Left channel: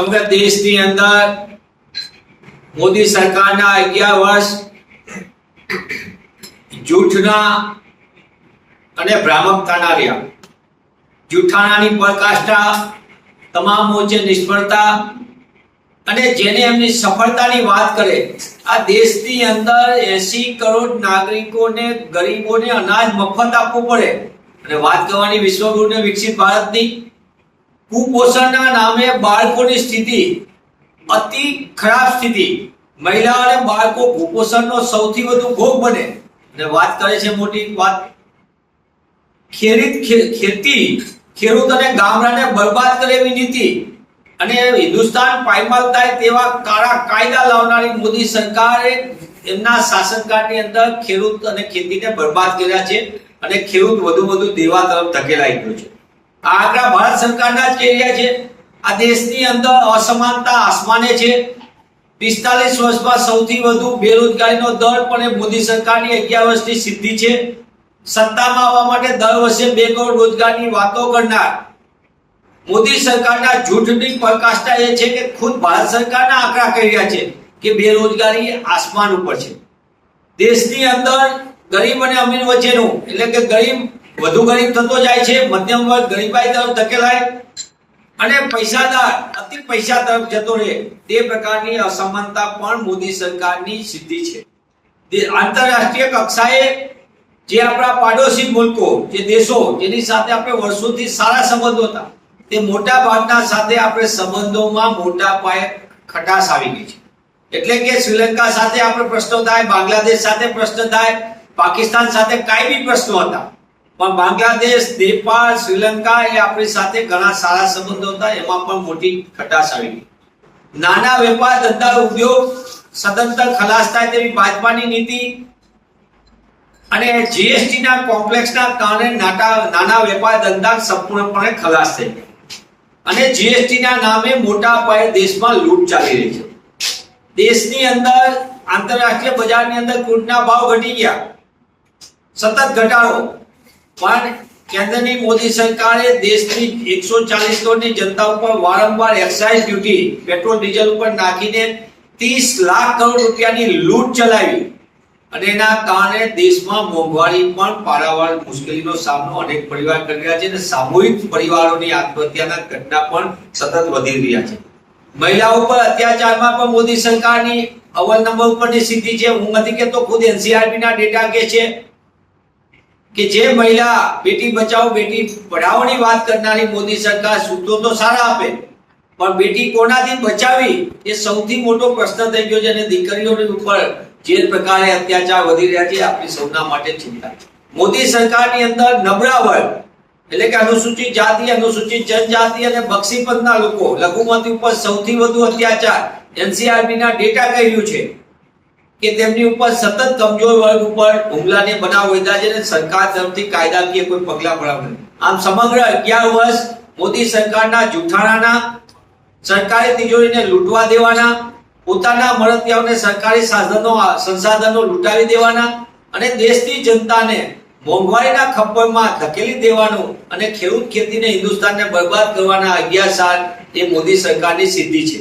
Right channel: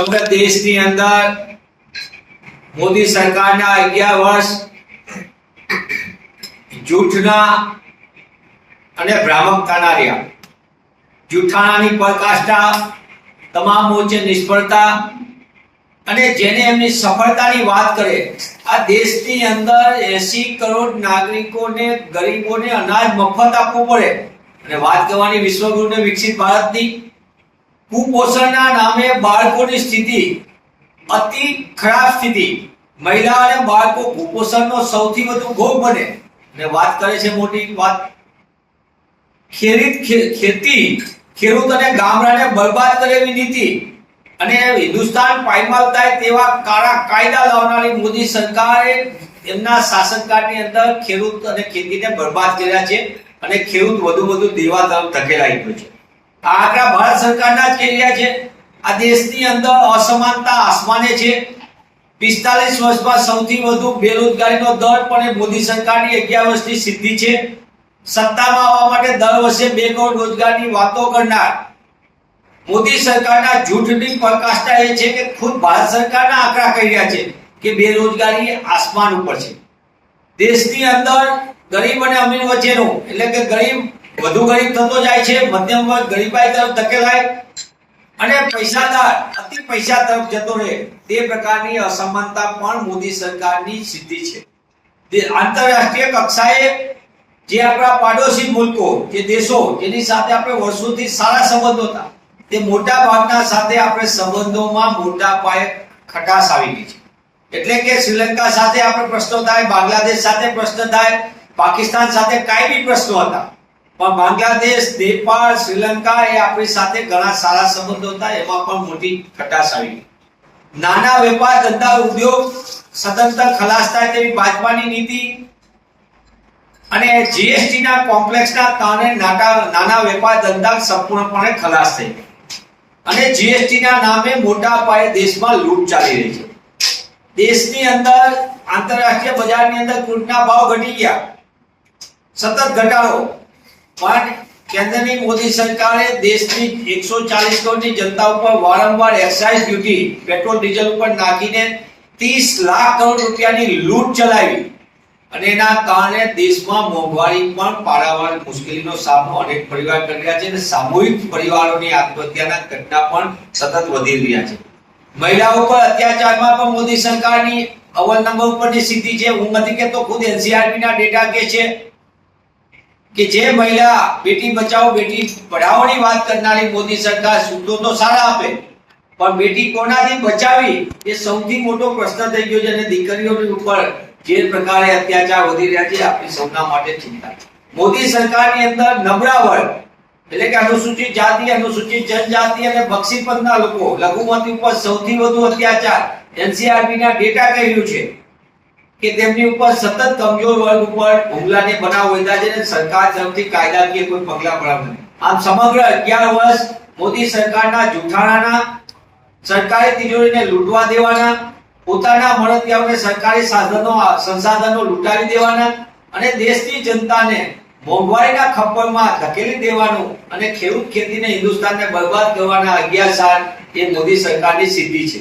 સમગ્ર દેશની અંદર મોદી સરકારના અગિયાર વર્ષ જૂઠના અને ભ્રામકતાના રહ્યા. જૂઠાણાની પરાકાષ્ઠા તમામ મોરચે નિષ્ફળતા અને જેને એમની સફળતાની વાત કરે, આ દેશની અંદર એસી કરોડ નાગરિકોને, ગરીબોને અનાજ મફત આપવું પડે. અને વાત કરવાની વિશ્વગુરુને વિકસિત ભારતની કુપોષણના નામે બાળકોની સ્થિતિ અતિ ખરાબ સ્થિતિ. મહિલા અને બાળકો કુપોષણનો સૌથી વધુ ભોગ બને. અને વાત કરે છે મોટી વાત. ખેડૂત ખે- ખેતી, ખેડૂત અને ગામડાને બરબાદ કરેવી નીતિ. અને હિન્દુસ્તાન પાયમાલ થાય તેવા કાળા કાયદા લાવનારી મોદી સરકારે એમના શાસનકાળની અંદર ખેડૂત અને ખેતીને બરબાદ કર્યા છે. અને ખેડૂત વધુ વધુ દેવા તરફ ધકેલાઈ ગયો છે. આ આંકડા ભારત સરકારના જ કહી છે. આ દેશની અંદર અસમાનતા આસમાને છે. પિસ્તાલીસ વર્ષમાં સૌથી વધુ બેરોજગારીનો દર પણ એ મોદી સરકારની અગિયાર સિદ્ધિ છે. સત્તામાં આવવા માટે દર વર્ષે બે કરોડ રોજગારની વાતો કરનાર મોદી સરકારના જૂઠની પ્રકાશતા એ છે કે ખુદ ભારત સરકારના આંકડા કહી રહ્યા છે કે બેરોજગારી આસમાન ઉપર છે. દેશની અંદર ગરીબ અને અમીર વચ્ચેનું, એટલે કે ગરીબ વધુ ગરીબ થતો જાય છે, મધ્યમ વર્ગ ગરીબાઈ તરફ ધકેલાય અને પૈસાદાર, અતિ પૈસા તરફ જતો રહે, તે પ્રકારની અસમાનતા પણ મોદી સરકારની સિદ્ધિ છે. આંતરરાષ્ટ્રીય કક્ષાએ જે આપણા પાડોશી મુલકો, જે દેશો, જેની સાથે આપણે વર્ષોથી સારા સંબંધો હતા, તે મોટા ભાગના સાથે આપણે સંબંધોમાં મોટા પાયે ખટાશ આવી ગઈ છે. એટલે કે શ્રીલંકા સાથે આપણે પ્રશ્નો થાય, બાંગ્લાદેશ સાથે પ્રશ્ન થાય, પાકિસ્તાન સાથે કાયમી પ્રશ્નો હતા પણ બાંગ્લાદેશ, નેપાળ, શ્રીલંકા એ આપણી સાથે ઘણા સારા સંબંધો હતા. એમાં પણ મોટી ખટાશ આવી. નાના વેપાર, ધંધા, ઉદ્યોગ સદંતર ખલાસ થાય તેવી ભાજપાની નીતિ અને જીએસટી ના કોમ્પ્લેક્સના કારણે નાટા, નાના વેપાર, ધંધા સંપૂર્ણપણે ખલાસ થઈ ગયા. અને જીએસટી ના નામે મોટા પાયે દેશમાં લૂંટ ચાલી રહી છે. દેશની અંદર, આંતરરાષ્ટ્રીય બજારની અંદર ક્રૂડના ભાવ ઘટી ગયા. સતત ઘટાડો. પણ કેન્દ્રની મોદી સરકારે દેશની એકસો ચાલીસ કરોડની જનતા ઉપર વારંવાર એક્સાઇઝ ડ્યુટી પેટ્રોલ ડીઝલ ઉપર નાખીને ત્રીસ લાખ કરોડ રૂપિયાની લૂંટ ચલાવી. અને એના કારણે દેશમાં મોંઘવારી પણ પારાવાર મુશ્કેલીનો સામનો અનેક પરિવાર કરી રહ્યા છે અને સામૂહિક પરિવારોની આત્મહત્યાના ઘટના પણ સતત વધી રહ્યા છે. મહિલાઓ પર અત્યાચારમાં પણ મોદી સરકારની અવલ નંબર ઉપરની સ્થિતિ છે. હું નથી કહેતો, ખુદ એનસીઆરપીના ડેટા કે છે. કે જે મહિલા બેટી બચાવો, બેટી પઢાઓની વાત કરનારી મોદી સરકાર સૂત્રો તો સારા આપે, પણ બેટી કોનાથી બચાવી? એ સૌથી મોટો પ્રશ્ન થઈ ગયો છે અને દીકરીઓની ઉપર જે પ્રકારે અત્યાચાર વધી રહ્યા છે આપણી સૌના માટે ચિંતા મોદી સરકારની અંદર નબળા વર્ગ એટલે કે અનુસૂચિત જાતિ, અનુસૂચિત જનજાતિ અને બક્ષીપંથના લોકો લઘુમતી ઉપર સૌથી વધુ અત્યાચાર એનસીઆરબી ના ડેટા કહ્યું છે. કે તેમની ઉપર સતત કમજોર વર્ગ ઉપર હુમલાને બનાવ વધ્યા છે અને સરકાર તરફથી કાયદાકીય કોઈ પગલા ભરાવ આમ સમગ્ર અગિયાર વર્ષ મોદી સરકારના જૂઠાણાના સરકારી તિજોરીને લૂંટવા દેવાના, પોતાના મળતિયાઓને સરકારી સાધનો, સંસાધનો લૂંટાવી દેવાના અને દેશની જનતાને મોંઘવારીના ખપ્પરમાં ધકેલી દેવાનું અને ખેડૂત ખેતીને હિન્દુસ્તાનને બરબાદ કરવાના અગિયાર સાલ એ મોદી સરકારની સિદ્ધિ છે.